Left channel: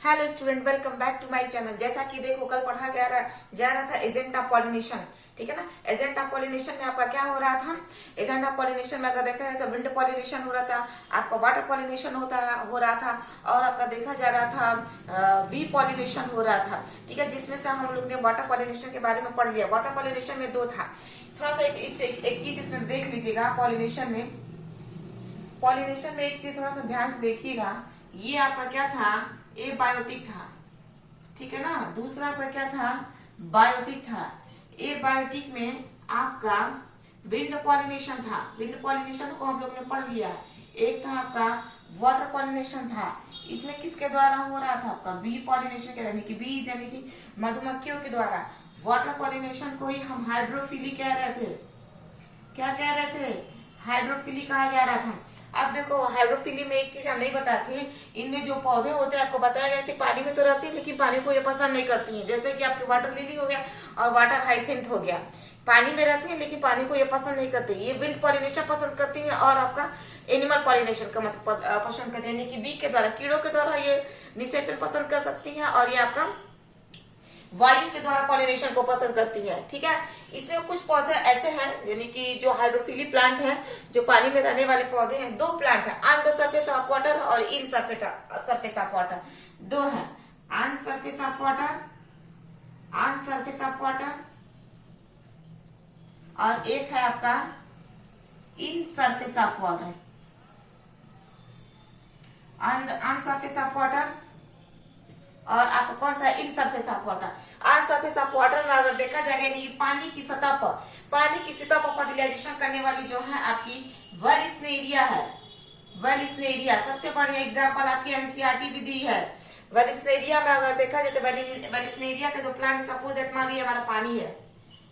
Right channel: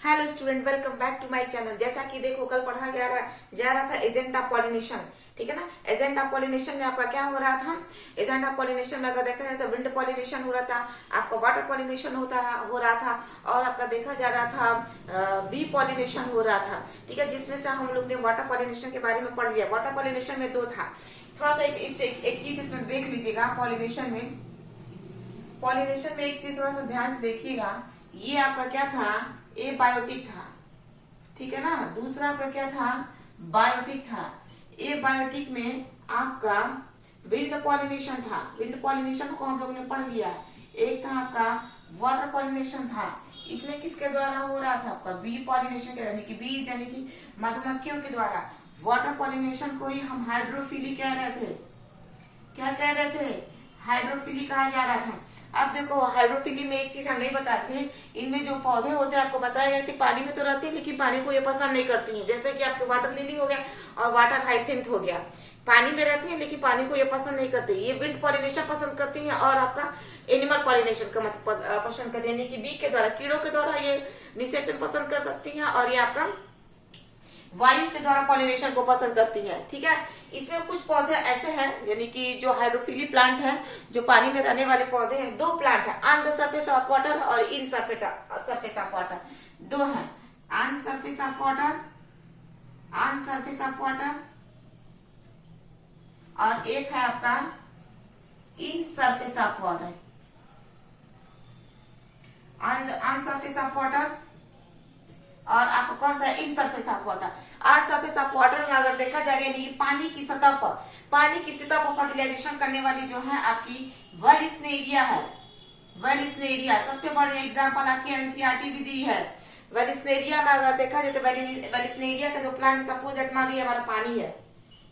Hello student, welcome back to my channel. जैसा कि देखो, कल पढ़ा जा रहा था एजेंट ऑफ पॉलिनेशन। ठीक है ना। एजेंट ऑफ पॉलिनेशन में आपका क्या हो रहा था? एजेंट ऑफ पॉलिनेशन में अगर देखा जाए तो विंड पॉलिनेशन हो रहा था, आपका वाटर पॉलिनेशन हो रहा था, और आपका देखा जा रहा था वी पॉलिनेशन हो रहा था। ठीक है, जिसमें से हम लोग ने वाटर पॉलिनेशन के बारे में पढ़ लिया। वाटर पॉलिनेशन में दो था। थोड़ा सा एक चीज इसमें देख लीजिएगा। पॉलिनेशन में एक चीज थोड़ा सा ध्यान से देखिएगा। ये आपका क्या था? ए बायोटिक था। ठीक है ना। दूसरा आपका क्या था? बायोटिक था। ए बायोटिक में आपका विंड पॉलिनेशन था। विंड पॉलिनेशन को हम लोग ने पढ़ लिया। एक था आपका वाटर पॉलिनेशन था। इसमें किसके द्वारा हो रहा था? आपका बी पॉलिनेशन के, यानी कि बीज यानी कि मधुमक्खियों के द्वारा। वाटर पॉलिनेशन को ही हम हाइड्रोफिली कह रहे थे। क्या कह रहे थे? हाइड्रोफिली कहा जा रहा था। अब देखो, हाइड्रोफिली में एक चीज हम नहीं बताते हैं। इनमें जो पौधे होते हैं, आपको बताया गया कि पानी में तो रहती है, लेकिन पानी को ये पसंद नहीं करती हैं। जैसे कि आपके वाटर लिली हो गया और वाटर हाइसिंथ हो गया। पानी में रहती है लेकिन पानी को ये पसंद नहीं करती। ये विंड पॉलिनेशन पसंद करती हैं, और आपका एनिमल पॉलिनेशन का मतलब पसंद करती है, यानी कि बी के द्वारा, कीड़ों के द्वारा ये निषेचन पसंद कर सकती है, और ये आपका वायु के द्वारा पॉलिनेशन को पसंद करती है। ठीक है। इसमें कुछ पौधे ऐसे हैं, यानी कि जो हाइड्रोफिली प्लांट हैं, जो पानी में रहने वाले पौधे हैं। दो प्लांट है, on the surface of water और इन सरफेस ऑफ वाटर। दो है, on surface of water, on surface of water, और एक है आपका in surface of water. On surface of water और आपको कौन सा? In surface of water. On surface of water में अगर देखा जाएगा, यानी पानी की सतह पर फर्टिलाइजेशन करने वाली जो है आपकी वेलिस्नेरिया है। वेलिस्नेरिया सबसे बड़ी एग्जांपल आपकी एनसीईआरटी भी दी है। वेलिस्नेरिया में अगर देखा जाए तो वेलिस्नेरिया का जो प्लांट, सपोज दैट मान लिया हमारा पानी है।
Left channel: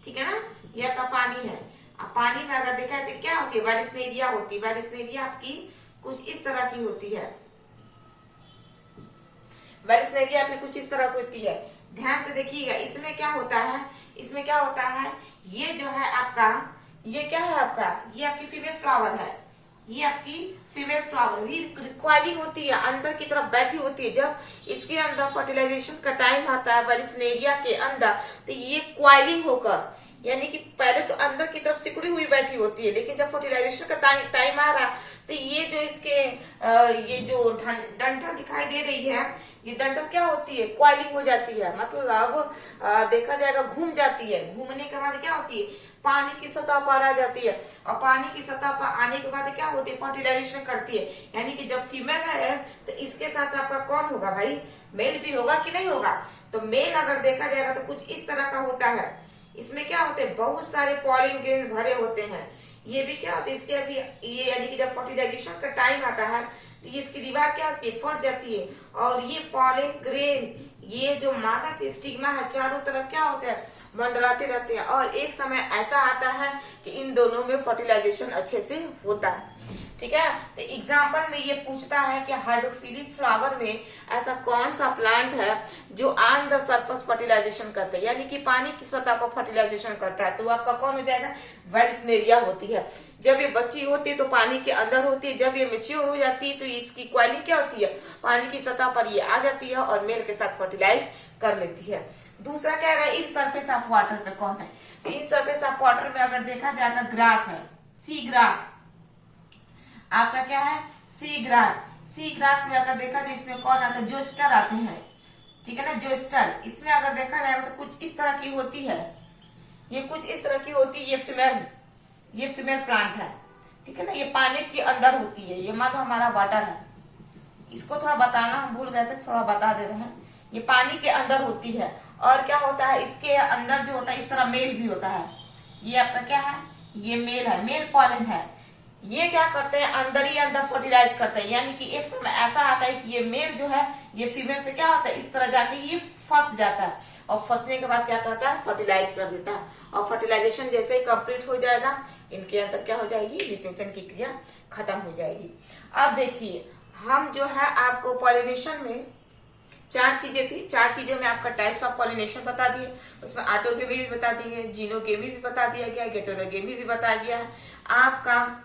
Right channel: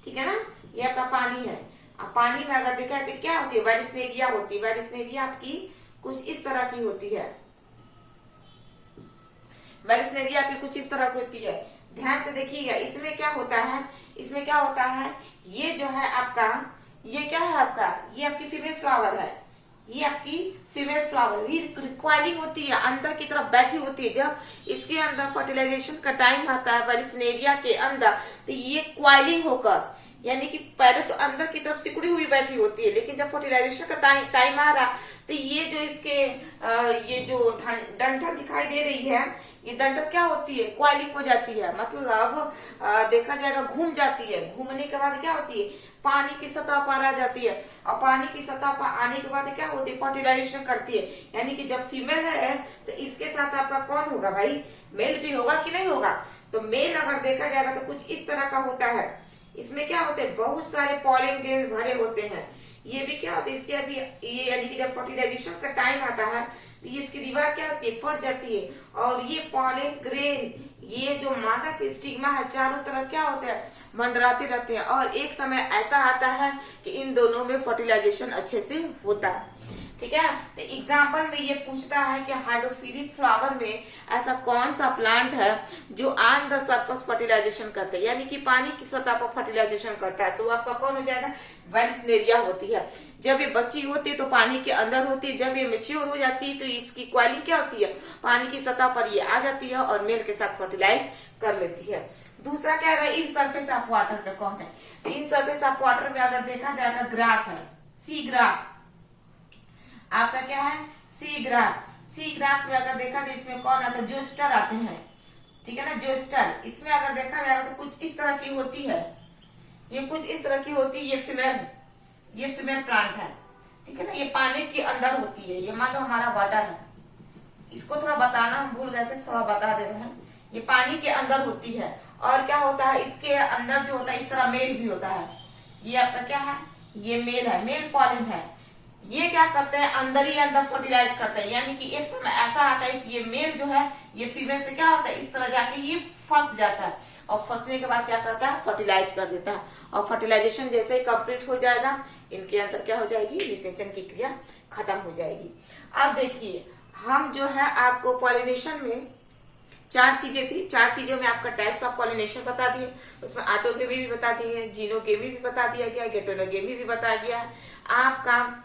ठीक है ना, ये आपका पानी है। अब पानी में अगर देखा जाए तो क्या होती है? वेलिस्नेरिया होती है। वेलिस्नेरिया आपकी कुछ इस तरह की होती है। वेलिस्नेरिया आपकी कुछ इस तरह की होती है। ध्यान से देखिएगा, इसमें क्या होता है? इसमें क्या होता है? ये जो है आपका, ये क्या है आपका? ये आपकी फीमेल फ्लावर है। ये आपकी फीमेल फ्लावर रिक्वायरिंग होती है, अंदर की तरफ बैठी होती है। जब इसके अंदर फर्टिलाइजेशन का टाइम आता है वेलिस्नेरिया के अंदर, तो ये क्वाइलिंग होकर, यानी कि पहले तो अंदर की तरफ सिकुड़ी हुई बैठी होती है, लेकिन जब फर्टिलाइजेशन का टाइम आ रहा, तो ये जो इसके ये जो डंठल दिखाई दे रही है, ये डंठल क्या होती है? क्वाइलिंग हो जाती है। मतलब देखा जाएगा घूम जाती है। घूमने के बाद क्या होती है? पानी की सतह पर आ जाती है, और पानी की सतह पर आने के बाद क्या होती है? फर्टिलाइजेशन करती है। यानी कि जब फीमेल है तो इसके साथ आपका कौन होगा भाई? मेल भी होगा कि नहीं होगा? तो मेल अगर देखा जाएगा तो कुछ इस तरह का होता है। इसमें क्या होते हैं? बहुत सारे पॉलिन ग्रेन भरे होते हैं। ये भी क्या होता है? इसके अभी ये, यानी कि जब फर्टिलाइजेशन का टाइम आता है तो इसकी दीवार क्या होती है? फट जाती है, और ये पॉलिन ग्रेन, ये जो मादा की स्टिग्मा है, चारों तरफ क्या होते हैं? मंडराते रहते हैं, और एक समय ऐसा आता है कि इन दोनों में फर्टिलाइजेशन अच्छे से होता है। ठीक है। तो एग्जाम्पल में ये पूछता है कि हाइड्रोफिलिक फ्लावर में ऐसा कौन सा प्लांट है जो ऑन द सरफेस फर्टिलाइजेशन करता है, यानी कि पानी की सतह पर फर्टिलाइजेशन करता है। तो आपका कौन हो जाएगा? वेलिस्नेरिया होती है। जब ये बच्ची होती है तो पानी के अंदर होती है। जब ये मेच्योर हो जाती है तो इसकी क्वाइलिंग क्या होती है? पानी की सतह पर ये आ जाती है और मेल के साथ फर्टिलाइज कर लेती है। दूसरा क्या है? इन सरफेस ऑफ वाटर पे कौन है? तो इन सरफेस ऑफ वाटर में अगर देखा जाएगा, ग्रास है, सी ग्रास। आपका क्या है? Sea grass. सी ग्रास में अगर देखा जाए, इसमें कौन आता है? जोस्टर आते हैं। ठीक है ना, जोस्टर। इसमें अगर देखा जाएगा तो कुछ इस तरह की होती है। ये कुछ इस तरह की होती है। ये फीमेल प्लांट है। ठीक है ना। ये पानी के अंदर होती है। ये मान लो हमारा वाटर है। इसको थोड़ा बताना हम भूल गए थे, थोड़ा बता दे रहे हैं। ये पानी के अंदर होती है, और क्या होता है? इसके अंदर जो होता है, इस तरह मेल भी होता है। ये आपका क्या है? ये मेल है, मेल पॉलन है। ये क्या करते हैं? अंदर ही अंदर फर्टिलाइज करते हैं। यानी कि एक समय ऐसा आता है कि ये मेल जो है, ये फीमेल से क्या होता है? इस तरह जाके ये फंस जाता है, और फंसने के बाद क्या करता है? फर्टिलाइज कर देता है। और फर्टिलाइजेशन जैसे ही कंप्लीट हो जाएगा, इनके अंदर क्या हो जाएगी? निषेचन की क्रिया खत्म हो जाएगी। अब देखिए, हम जो है आपको पॉलिनेशन में चार चीजें थी। चार चीजों में आपका टाइप्स ऑफ पॉलिनेशन बता दिए। उसमें ऑटोगेमी भी बता दिए, जीनोगेमी भी बता दिया गया, गेटोनोगेमी भी बता दिया है। आपका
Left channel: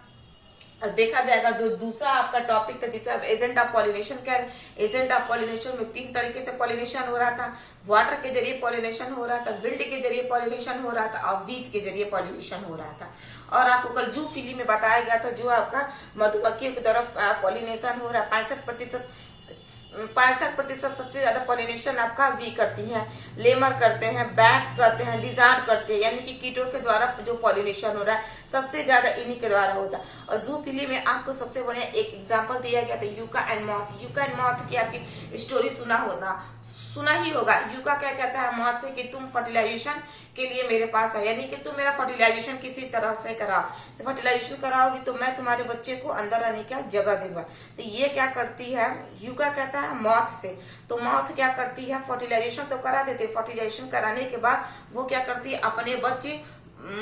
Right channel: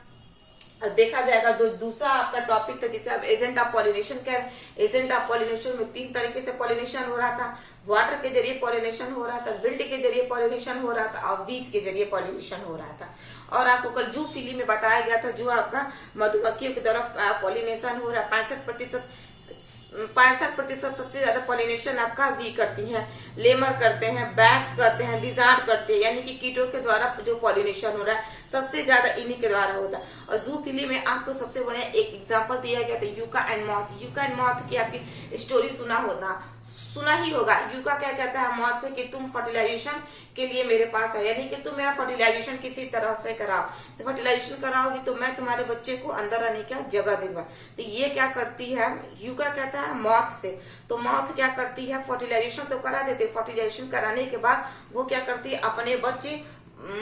देखा जाएगा। दूसरा आपका टॉपिक था जिसे आप एजेंट ऑफ पॉलिनेशन कह रहे हैं। एजेंट ऑफ पॉलिनेशन में 3 तरीके से पॉलिनेशन हो रहा था। वाटर के जरिए पॉलिनेशन हो रहा था, विंड के जरिए पॉलिनेशन हो रहा था और बीज के जरिए पॉलिनेशन हो रहा था। और आपको कल जू फिली में बताया गया था जो आपका मधुमक्खियों की तरफ पॉलिनेशन हो रहा है। 65% सबसे ज्यादा पॉलिनेशन आपका वी करती हैं, लेमर करते हैं, बैट्स करते हैं, लिजार्ड करते हैं, यानी कि कीटों के द्वारा जो पॉलिनेशन हो रहा है सबसे ज्यादा इन्हीं के द्वारा होता है। और जूफिली में आपको सबसे बढ़िया एक एग्जांपल दिया गया था yucca and moth. Yucca and moth की आपकी स्टोरी सुना ही होगा। यूका क्या कहता है मॉथ से कि तुम फर्टिलाइजेशन के लिए मेरे पास आओ, यानी कि तुम मेरा फर्टिलाइजेशन किसी तरह से कराओ। तो फर्टिलाइजेशन कराओगी तो मैं तुम्हारे बच्चे को अंदर आने की जगह दूंगा। तो ये क्या करती है, यूका कहता है मॉथ से। तो मॉथ क्या करती है, फर्टिलाइजेशन तो करा देते, फर्टिलाइजेशन कराने के बाद वो क्या करती है, अपने बच्चे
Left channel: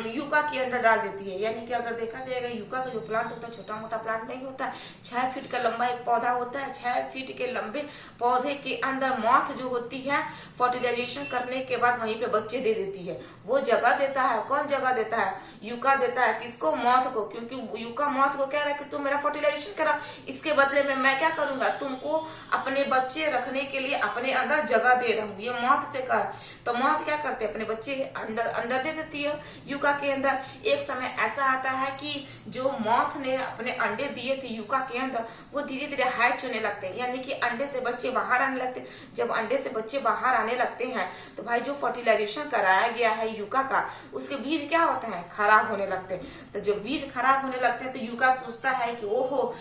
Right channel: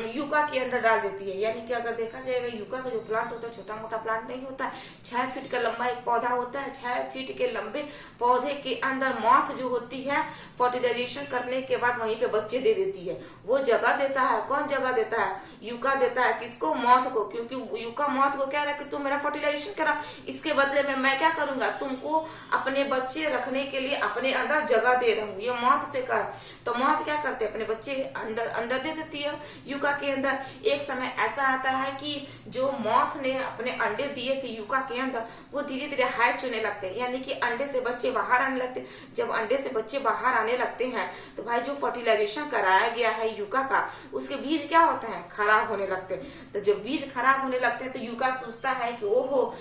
यूका के अंदर डाल देती है। यानी कि अगर देखा जाएगा यूका का जो प्लांट होता है छोटा मोटा प्लांट नहीं होता है, 6 फीट का लंबा एक पौधा होता है। 6 फीट के लंबे पौधे के अंदर मॉथ जो होती है फर्टिलाइजेशन करने के बाद वहीं पे बच्चे दे देती है। वो जगह देता है, कौन जगह देता है, यूका देता है। किसको, मॉथ को, क्योंकि यूका मॉथ को कह रहा है कि तुम मेरा फर्टिलाइजेशन करा, इसके बदले में मैं क्या करूंगा, तुमको अपने बच्चे रखने के लिए अपने अंदर जगह दे रहा हूँ। ये मॉथ से कर। तो मॉथ क्या करते हैं, अपने बच्चे अंदर दे देती है यूका के अंदर। एक समय ऐसा आता है कि जो मॉथ ने अपने अंडे दिए थे यूका के अंदर, वो धीरे धीरे हैच होने लगते हैं, यानी कि अंडे से बच्चे बाहर आने लगते हैं। जब अंडे से बच्चे बाहर आने लगते हैं तो भाई जो फर्टिलाइजेशन कराया गया है यूका का, उसके बीज क्या होता है, खराब होने लगते हैं। तो जब बीज खराब होने लगते हैं तो यूका सोचता है कि ओहो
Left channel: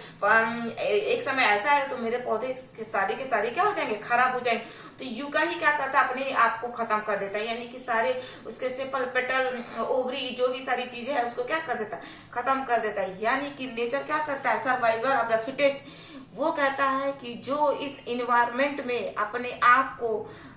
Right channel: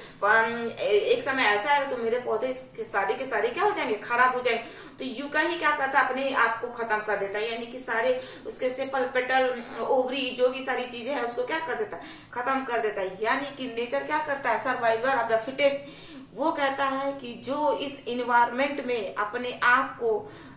एक समय ऐसा है तो मेरे पौधे के सारे क्या हो जाएंगे, खराब हो जाएंगे। तो यूका ही क्या करता है, अपने आप को खत्म कर देता है, यानी कि सारे उसके सेपल पेटल ओवरी जो भी सारी चीजें है उसको क्या कर देता है, खत्म कर देता है। यानी कि नेचर क्या करता है, सर्वाइवल ऑफ द फिटेस्ट। वो कहता है कि जो इस इन्वायरमेंट में अपने आप को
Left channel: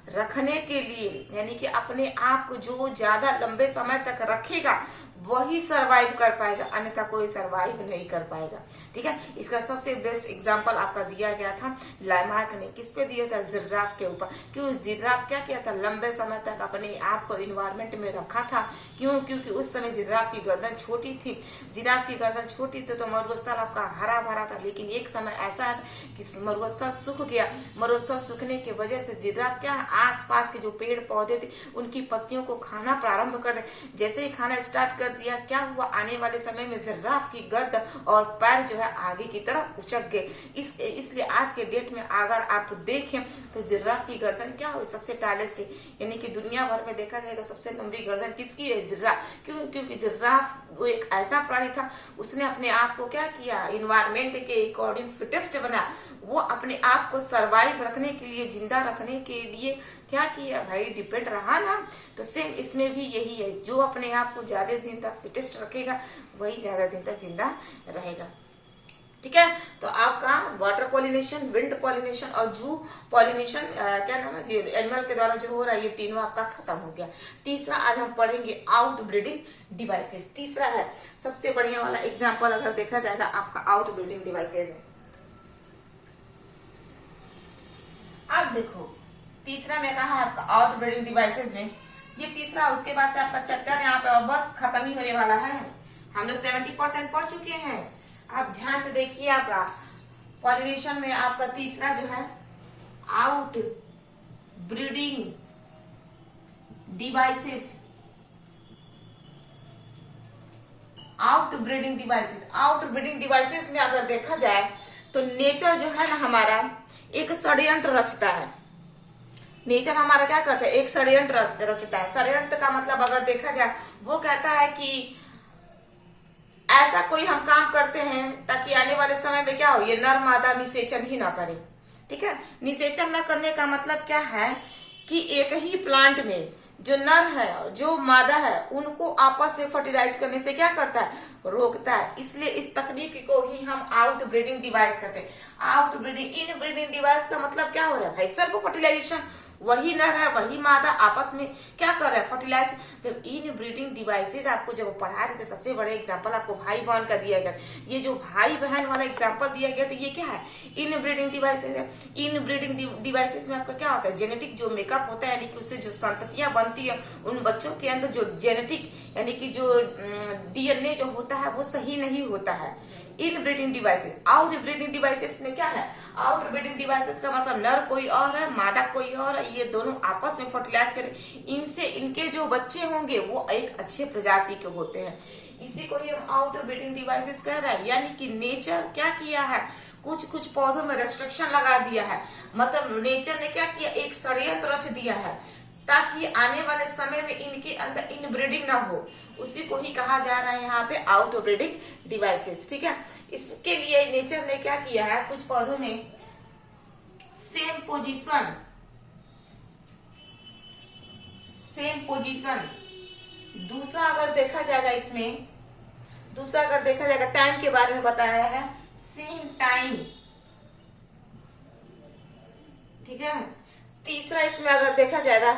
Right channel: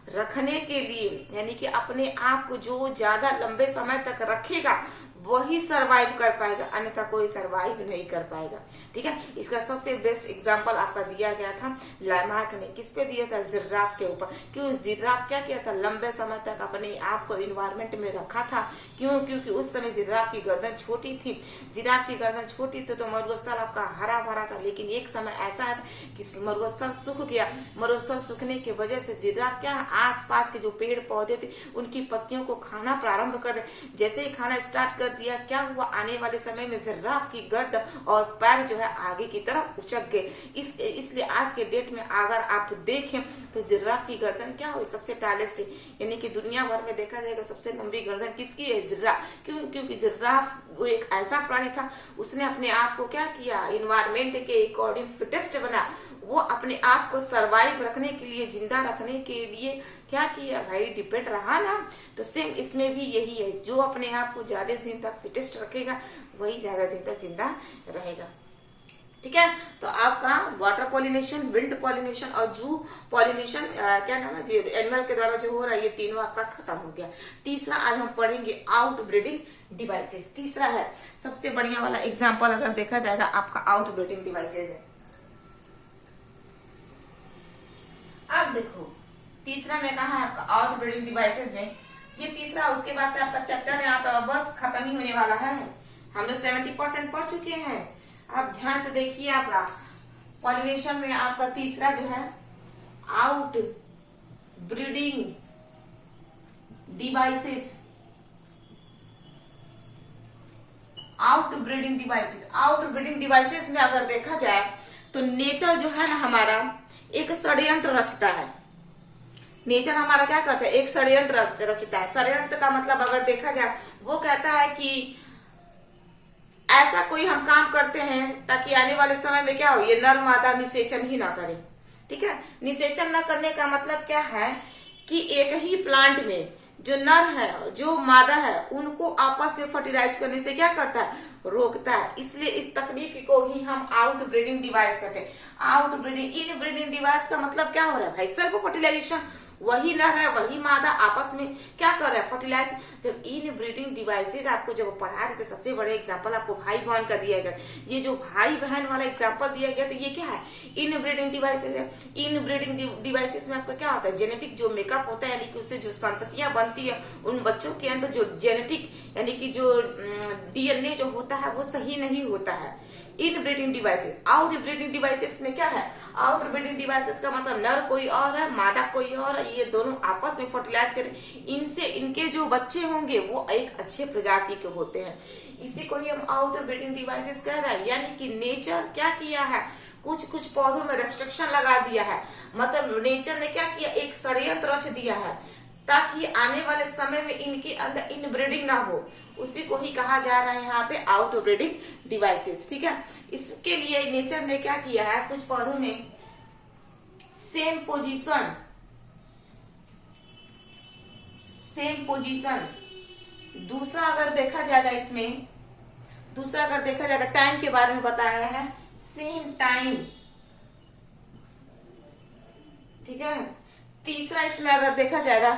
रखने के लिए, यानी कि अपने आप को जो ज्यादा लंबे समय तक रखेगा वही सरवाइव कर पाएगा, अन्यथा कोई सरवाइव नहीं कर पाएगा। ठीक है, इसका सबसे बेस्ट एग्जांपल आपका दिया गया था लामार्क ने। किस पे दिया था, जिराफ के ऊपर। क्यों, जिराफ क्या किया था, लंबे समय तक अपने आप को इन्वायरमेंट में रखा था। क्यों, क्योंकि उस समय जिराफ की गर्दन छोटी थी। जिराफ की गर्दन छोटी थी तो मरुस्थल आपका हरा भरा था। लेकिन एक समय ऐसा है कि मरुस्थल सूख गया। मरुस्थल सूखने की वजह से जिराफ क्या, आसपास के जो पेड़ पौधे थे उनकी पत्तियों को खाना प्रारंभ कर दे। जैसे ही खाना स्टार्ट कर दिया, क्या हुआ, आने वाले समय में जिराफ की गर्दन और पैर जो है आगे की तरफ उचक गए। इसलिए आज के डेट में अगर आप देखें तो जिराफ की गर्दन क्या हुई, सबसे टालेस्ट है, यानी कि दुनिया भर में देखा जाएगा सबसे लंबी गर्दन किसकी है, जिराफ। क्यों, क्योंकि जिराफ वो एक ऐसा प्राणी था, उसने अपने आप को क्या किया, इन्वायरमेंट के अकॉर्डिंग फिटेस्ट बना। वो अपने आप को सरवाइव रखने के लिए, जिंदा रखने के लिए क्या किया भाई, डिपेंड रहा ना। तो सेम इसमें भी यही है, जो अपने आप को ज्यादा दिन तक फिटेस्ट रखेगा वही ज्यादा दिन तक जिंदा रहेगा। ठीक है, तो आपका वाटर पॉलिनेशन, विंड पॉलिनेशन और जू पॉलिनेशन क्या नाम है, एनिमल के द्वारा जो हो रहा है, ये तीनों आपका खत्म हो गया। तीसरा आज हम पढ़ेंगे आउट ब्रीडिंग डिवाइसेस। तीसरा है सबसे बढ़िया वाला एग्जाम्पल अगर देखा जाएगा आपका आउट ब्रीडिंग डिवाइसेस है। अब देखो तीसरा में कहा है आपका आउट ब्रीडिंग डिवाइसेस में, ये तीसरा, उसके बाद से आपका चैप्टर यहाँ पे बस खत्म ही होने वाला है। हम लोग 70% पढ़ चुके हैं। अब ध्यान से देखिए, आपका पॉलिनेशन में आपका तीसरा जो है out breeding devices. Out breeding devices, out breeding devices में अगर देखा जाए तो नेचर जो है ना हमारा एक षड्यंत्र रचता है। नेचर हमारा क्या करता है, एक षड्यंत्र रचता है। षड्यंत्र का मतलब अगर देखा जाए, वो कहता है कि ऐसा कोई हम काम करते हैं ताकि आने वाले समय में क्या हो, ये नर मादा निषेचन ही ना करे। ठीक है, निषेचन न करने का मतलब क्या है कि एक ही प्लांट में जो नर है और जो मादा है उनको आपस में फर्टिलाइज करने से क्या करता है, रोकता है। इसलिए इस तकनीक को ही हम आउट ब्रीडिंग डिवाइस कहते हैं। आउट ब्रीडिंग, इन ब्रीडिंग डिवाइस का मतलब क्या हो रहा है भाई, सेल्फ फर्टिलाइजेशन। वही नर है वही मादा आपस में क्या कर रहा है, फर्टिलाइज। जब इन ब्रीडिंग डिवाइसेज आपको जब पढ़ा रहे थे, सबसे बड़े एग्जांपल आपको भाई बहन का दिया गया। ये जो भाई बहन वाला एग्जांपल दिया गया तो ये क्या है, इन ब्रीडिंग डिवाइसेज है। इन ब्रीडिंग डिवाइसेज में आपका क्या होता है, जेनेटिक जो मेकअप होता है, यानी कि उससे जो संततियां बनती है, उन बच्चों के अंदर जो जेनेटिक यानी कि जो डीएनए जो होता है वो सही नहीं होता है। इन breeding devices. Out breeding devices में क्या है, आउट ब्रीडिंग डिवाइसेस का मतलब नर कोई और है, मादा कोई और है, ये दोनों आपस में फर्टिलाइज करें, इनसे इनके जो बच्चे होंगे वो एक अच्छे प्रजाति के होते हैं। इसी को ही हम आउट ब्रीडिंग डिवाइसेस कह रहे हैं। यानी कि नेचर क्या किया है, कुछ कुछ पौधों में रेस्ट्रिक्शन लगा दिया है, मतलब नेचर ने क्या किया, एक षड्यंत्र रच दिया है ताकि आने वाले समय में इनके अंदर इनब्रीडिंग ना हो। उसी को ही कहा जा रहा है यहाँ पे आउट ब्रीडिंग डिवाइसेस। ठीक है, इसके लिए नेचर ने क्या किया है, कुछ पौधों में सेम पोजीशन। दूसरा अगर देखा जाएगा, इसमें दूसरा अगर देखा जाएगा टाइम के बारे में बताया है, सेम टाइम। ठीक है, तीसरा इसमें अगर देखा जाएगा,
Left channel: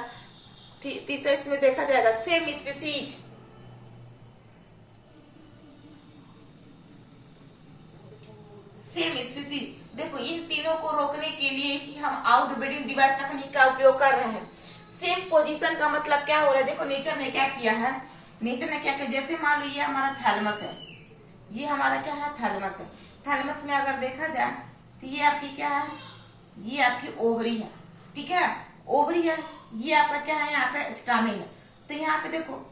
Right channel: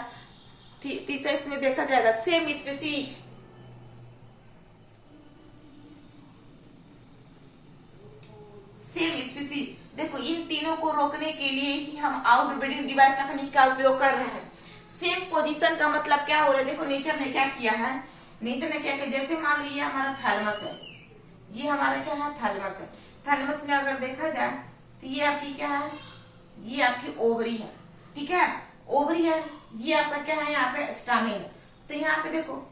तीसरा इसमें देखा जाएगा सेम स्पीसीज। देखो इन तीनों को रोकने के लिए ही हम आउटब्रीडिंग डिवाइस तकनीक का उपयोग कर रहे हैं। सेम पोजीशन का मतलब क्या हो रहा है, देखो नेचर ने क्या किया है, नेचर ने क्या किया, जैसे मान लो ये हमारा थैलमस है, ये हमारा क्या है, थैलमस है। थैलमस में अगर देखा जाए तो ये आपकी क्या है, ये आपकी ओवरी है। ठीक है, ओवरी है, ये आपका क्या है, यहाँ पे स्टामिन। तो यहाँ पे देखो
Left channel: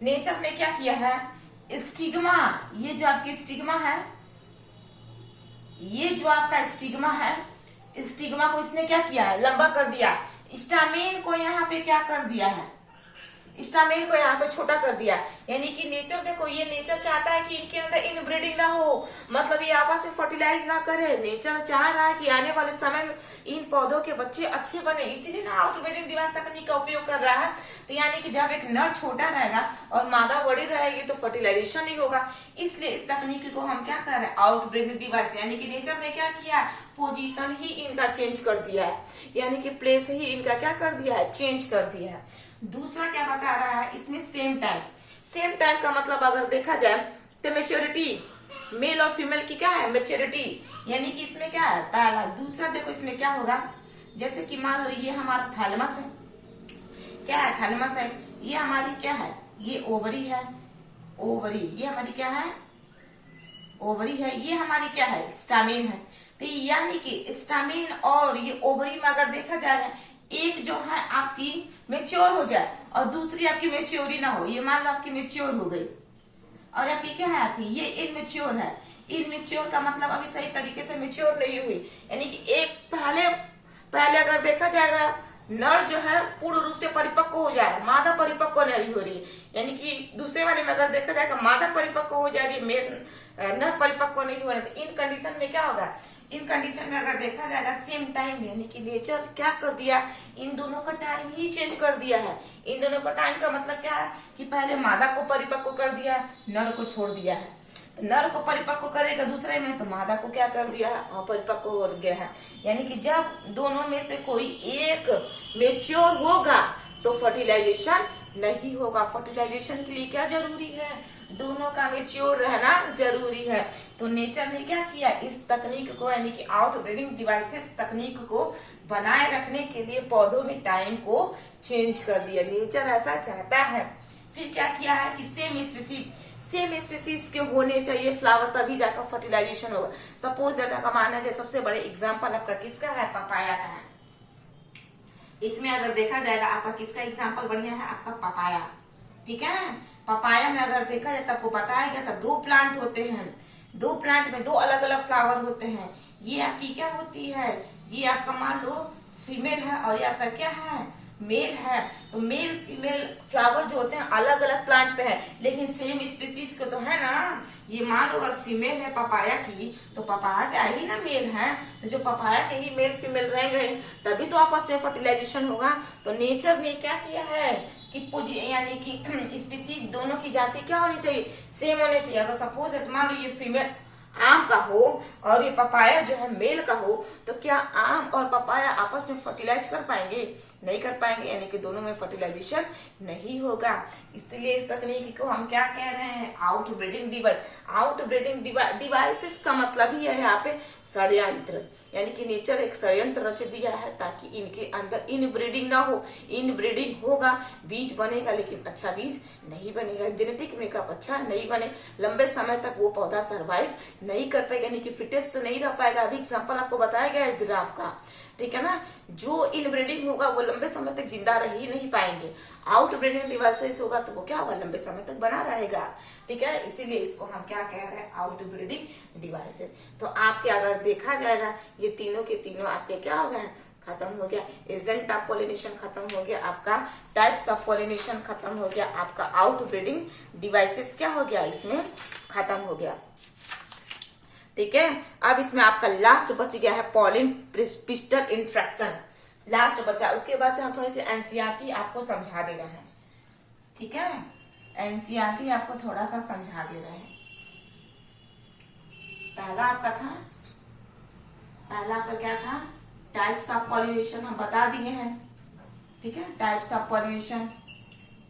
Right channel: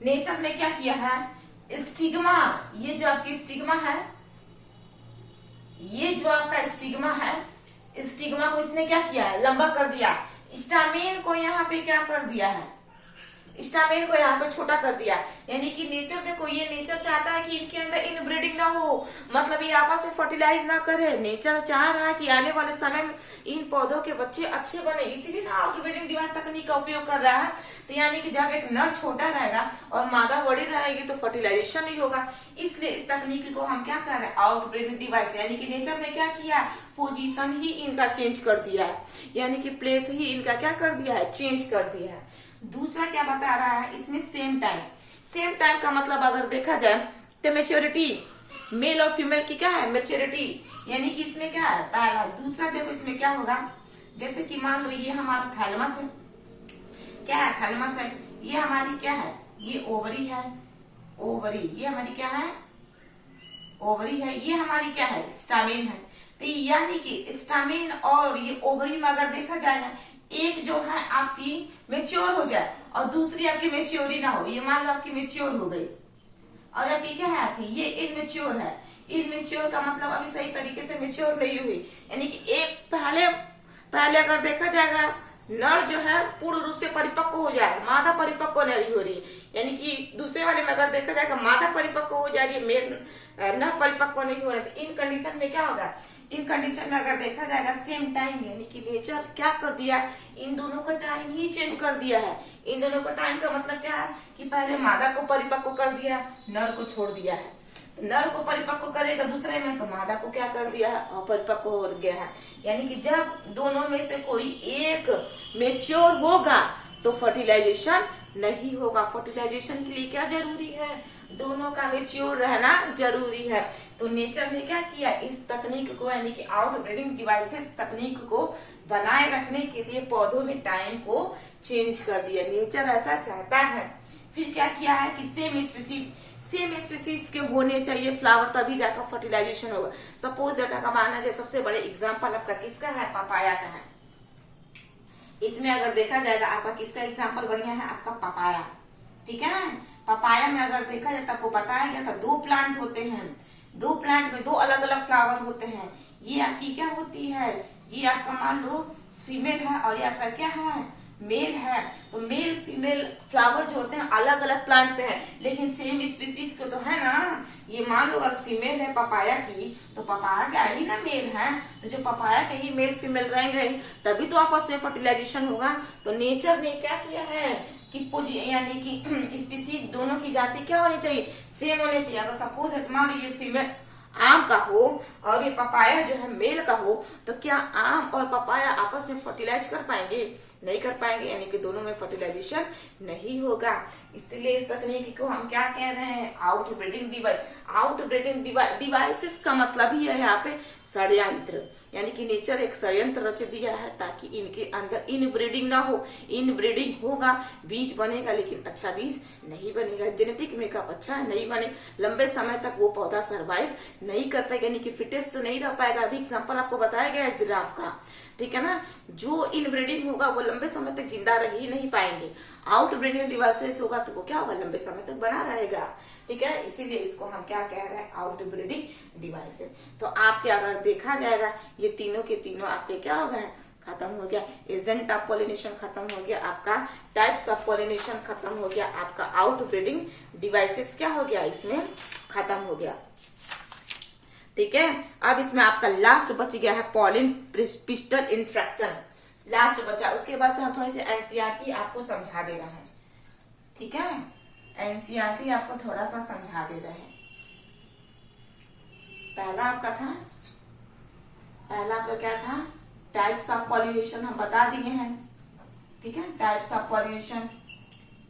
नेचर ने क्या किया है, स्टिग्मा, ये जो आपकी स्टिग्मा है, ये जो आपका स्टिग्मा है, स्टिग्मा को इसने क्या किया है, लंबा कर दिया। स्टामिन को यहाँ पे क्या कर दिया है, स्टामिन को यहाँ पे छोटा कर दिया। यानी कि नेचर, देखो ये नेचर चाहता है कि इनके अंदर इनब्रीडिंग ना हो, मतलब ये आपस में फर्टिलाइज ना करे। नेचर चाह रहा है कि आने वाले समय में इन पौधों के बच्चे अच्छे बने, इसीलिए ना आउटब्रीडिंग डिवाइस तकनीक का उपयोग कर रहा है। तो यानी कि जब एक नर छोटा रहेगा और मादा बड़ी रहेगी तो फर्टिलाइजेशन नहीं होगा, इसलिए इस तकनीक को हम क्या कर रहे हैं, आउटब्रीडिंग डिवाइस। यानी कि नेचर ने क्या किया, पोजीशन ही इनका चेंज कर दिया है, यानी कि प्लेस ही इनका क्या कर दिया है, चेंज कर दिया है। दूसरा क्या बता रहा है, इसमें सेम टाइम। सेम टाइम का मतलब अगर देखा जाए तो मैच्योरिटी, मेल और फीमेल की क्या है, मैच्योरिटी। यानी कि इसमें क्या है, पहला। दूसरा देखो इसमें क्या होगा, जैसे कि मान लो ये हमारा थैलमस है, क्या है, थैलमस है, ये हमारी क्या है, ये ओवरी है, ओवरी, ये हमारी क्या है, ओवरी है, ये हमारी क्या है, स्टामिन है। तो यानी कि स्टामिन और ये ओवरी में अगर देखा जाएगा, एक जो है आपकी मेच्योर हो जाए और दूसरी आपकी मेच्योरी ना हो। ये मान लो आपकी मेच्योर हो गई और आपकी क्या है, आपकी ये इनमेच्योर है। इनमेच्योर का मतलब अभी सही तरीके से मेच्योर नहीं हुई, यानी कि एक पहले अगर देखा जाएगा नर जो है पूर्ण रूप से परिपक्व हो जाए, मादा परिपक्व नहीं हो रही है। यानी कि दूसरे वाले में अगर देखा जाएगा मादा परिपक्व हो जा रही है, नर परिपक्व नहीं हो रहा है। तो इन कंडीशन में क्या होगा, इन कंडीशन में अगर देखा जाएगा सेम टाइम, यानी कि नेचर क्या कर दिया, इन दोनों का टाइम ही चेंज कर दिया है। इन दोनों का टाइम का मतलब क्या है कि पहले मादा को परिपक्व कर दिया, नर को छोड़ दिया है। नर को परिपक्व करेगा दूसरे में, तो मादा को क्या कर दिया है, अपरिपक्व हो गया है। यानी कि जब दोनों में से कोई एक मेच्योर होगा तो फर्टिलाइजेशन नहीं होगा। फर्टिलाइजेशन के लिए क्या जरूरी है, दोनों का मेच्योर रहना जरूरी है। तो नेचर ने क्या किया, इस तकनीक को यानी कि आउटब्रीडिंग डिवाइसेस तकनीक को बनाए रखने के लिए पौधों में टाइम को चेंज कर दिया। नेचर ऐसा चाहता है। फिर क्या किया है कि सेम स्पीसीज के होने चाहिए फ्लावर, तभी जाकर फर्टिलाइजेशन होगा। सपोज डाटा का मानना है, सबसे बड़े एग्जाम्पल आपका किसका है, पपाया का है। इसमें अगर देखा जाएगा आपका किसका एग्जाम्पल बढ़िया है, आपका पपाया। ठीक है, पपाया में अगर देखा जाए तो आपको बताया गया था 2 प्लांट होते हैं, 2 प्लांट में 2 अलग अलग फ्लावर होते हैं। ये आपकी क्या होती है, ये आपका मान लो फीमेल है और ये आपका क्या है, मेल है। तो मेल फीमेल फ्लावर जो होते हैं अलग अलग प्लांट पे है, लेकिन सेम स्पीसीज को तो है ना। ये मान लो अगर फीमेल है पपाया की, तो पपाया का ही ना मेल है, तो जो पपाया के ही मेल फीमेल रहेंगे तभी तो आपस में फर्टिलाइजेशन होगा। तो नेचर ने क्या किया है कि यानी कि स्पीसीज दोनों की जाति क्या होनी चाहिए, सेम होनी चाहिए। अगर सपोज मान लो ये फीमेल आम का हो और ये पपाया जो है मेल का हो, तो क्या आम और पपाया आपस में फर्टिलाइज कर पाएंगे? नहीं कर पाएंगे, यानी कि दोनों में फर्टिलाइजेशन नहीं होगा। इसलिए इस तकनीक को हम क्या कह रहे हैं? Outbreeding device. आउटब्रीडिंग डिवाइसेस का मतलब ही है यहाँ पे षड्यंत्र, यानी कि नेचर एक षड्यंत्र रच दिया है ताकि इनके अंदर इनब्रीडिंग ना हो। इनब्रीडिंग होगा, बीज बनेगा, लेकिन अच्छा बीज नहीं बनेगा, जेनेटिक मेकअप अच्छा नहीं बने, लंबे समय तक वो पौधा सर्वाइव नहीं कर पाएगा, यानी कि फिटेस्ट तो नहीं रह पाएगा। अभी एग्जाम्पल आपको बताया गया है जिराफ का, ठीक है ना। जो इनब्रीडिंग होगा वो लंबे समय तक जिंदा रह ही नहीं पाएंगे। आउटब्रीडिंग डिवाइसेस होगा तो वो क्या होगा? लंबे समय तक बना रहेगा, ठीक है। इसीलिए इसको हम क्या कह रहे हैं? Outbreeding devices. तो आपके अगर देखा जाएगा ये तीनों के तीनों आपके क्या हो गए? खत्म हो गया। एजेंट ऑफ पॉलिनेशन खत्म हो गया आपका, टाइप्स ऑफ पॉलिनेशन खत्म हो गया आपका, आउटब्रीडिंग डिवाइसेस क्या हो गया? इसमें खत्म हो गया, ठीक है। अब इसमें आपका लास्ट बच गया है पॉलिन पिस्टल इंट्रैक्शन, लास्ट बचा। उसके बाद से हम थोड़ी सी एनसीईआरटी आपको समझा दे रहे हैं, ठीक है। एनसीईआरटी आपको थोड़ा सा समझा दे रहे हैं। पहला आपका क्या था? टाइप्स ऑफ पॉलिनेशन हम बता दिए हैं, ठीक है। टाइप्स ऑफ पॉलिनेशन,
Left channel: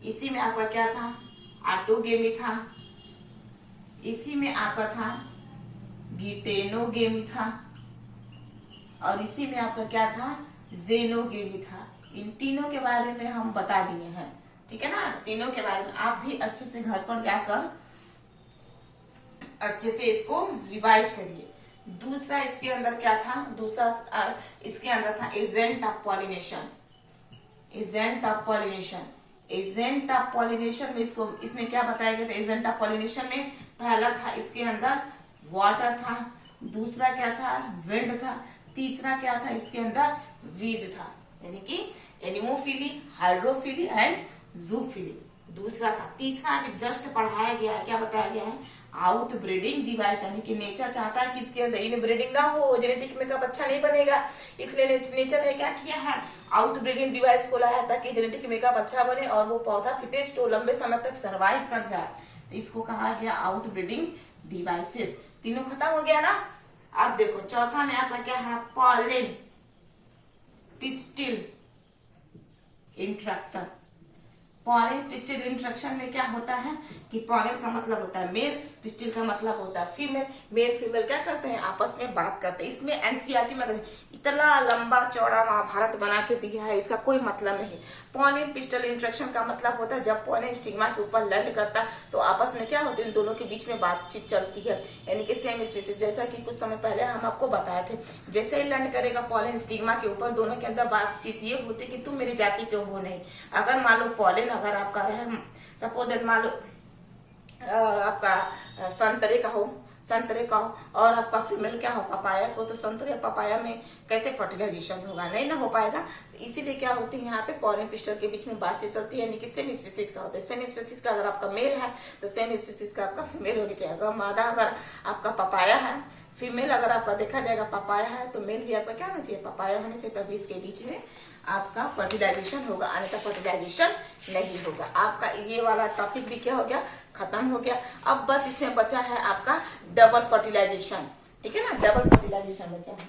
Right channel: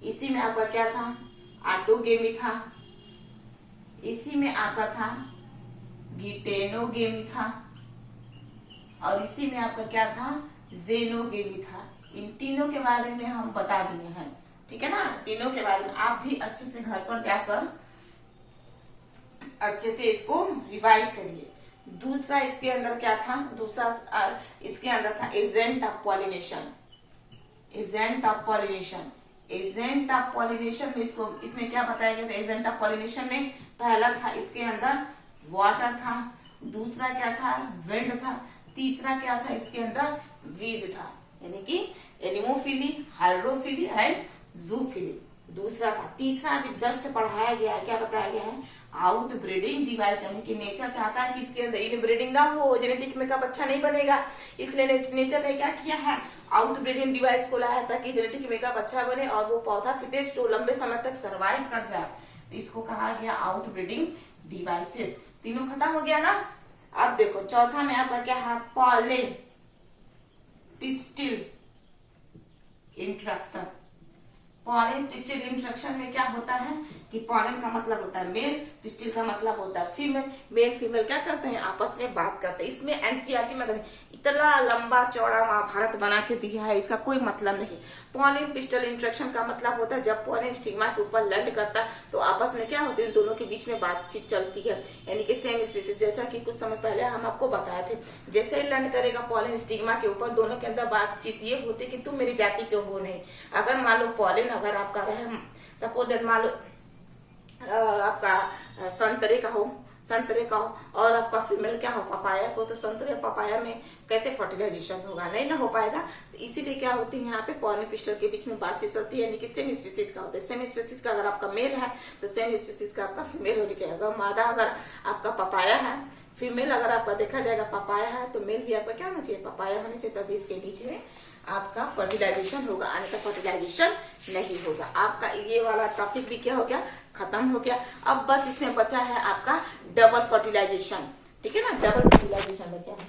इसी में आपका क्या था? ऑटोगेमी था, इसी में आपका था गिटेनोगेमी था, और इसी में आपका क्या था? जेनोगेमी था। इन तीनों के बारे में हम बता दिए हैं, ठीक है ना। तीनों के बारे में आप भी अच्छे से घर पर जाकर अच्छे से इसको रिवाइज करिए। दूसरा इसके अंदर क्या था? दूसरा इसके अंदर था agent of pollination. Agent of pollination, agent of pollination में इसमें क्या बताया गया था? एजेंट ऑफ पॉलिनेशन में पहला था इसके अंदर वाटर था, दूसरा क्या था? विंड था, तीसरा क्या था? इसके अंदर वीज था, यानी कि एनिमोफिली, हाइड्रोफिली एंड जूफिली। दूसरा था, तीसरा अभी जस्ट पढ़ाया गया है, क्या बताया गया है? आउट ब्रीडिंग डिवाइस, यानी कि नेचर चाहता है कि इसके अंदर इन ब्रीडिंग ना हो, जेनेटिक मेकअप अच्छा नहीं बनेगा, इसलिए नेचर ने क्या किया है? आउट ब्रीडिंग डिवाइस को लाया ताकि जेनेटिक मेकअप अच्छा बने और वो पौधा फिटेस्ट हो, लंबे समय तक सर्वाइव कर जाए। तो इसको कहा गया आउट ब्रीडिंग डिवाइसेस। तीनों खत्म हो गया ना। अब देखो चौथा में आपका क्या है? Pollen pistil interaction. Pollen pistil interaction में क्या होता है कि पॉलिन का मतलब होता है मेल, पिस्टिल का मतलब होता है फीमेल। मेल फीमेल क्या करते हैं? आपस में बात करते हैं। इसमें एनसीईआरटी में इतना लंबा चौड़ा महाभारत बना के दिया है, इसका कोई मतलब नहीं। पॉलिन पिस्टिल इंट्रैक्शन का मतलब होता है जब पॉलिन स्टिग्मा के ऊपर लैंड करता है तो आपस में क्या होती है? इन दोनों के बीच में बातचीत चलती है, यानी कि सेम स्पीसीज। जैसा कि कुछ समय पहले हम आपको बताए थे, जैसे ही लैंड करेगा पॉलिन स्टिग्मा के ऊपर, दोनों के अंदर बातचीत ये होती कि तुम मेरी जाति के हो नहीं। अगर मान लो पॉलिन अगर आपका रहे, सपोज दैट मान लो आपका संतरे का हो और आपका फीमेल क्या हो? पपाया को, तो संतरे पपाया में कैसे फर्टिलाइजेशन होगा? नहीं ना हो पाएगा। तो इसीलिए क्या होती है यहाँ पे पॉलिन पिस्टल के बीच में बातचीत चलती है, यानी कि सेम स्पीसीज का होता है। सेम स्पीसीज का अगर आपका मेल है तो सेम स्पीसीज का आपका फीमेल होनी चाहिए। अगर मादा अगर आपका पपाया है, फीमेल अगर आपका देखा जाएगा पपाया है, तो मेल भी आपका क्या होना चाहिए? पपाया होना चाहिए, तभी इसके बीच में आपका फर्टिलाइजेशन होगा, अन्यथा फर्टिलाइजेशन नहीं होगा। आपका ये वाला टॉपिक भी क्या हो गया? खत्म हो गया। अब बस इसमें बचा है आपका डबल फर्टिलाइजेशन, ठीक है ना। डबल फर्टिलाइजेशन बचा है।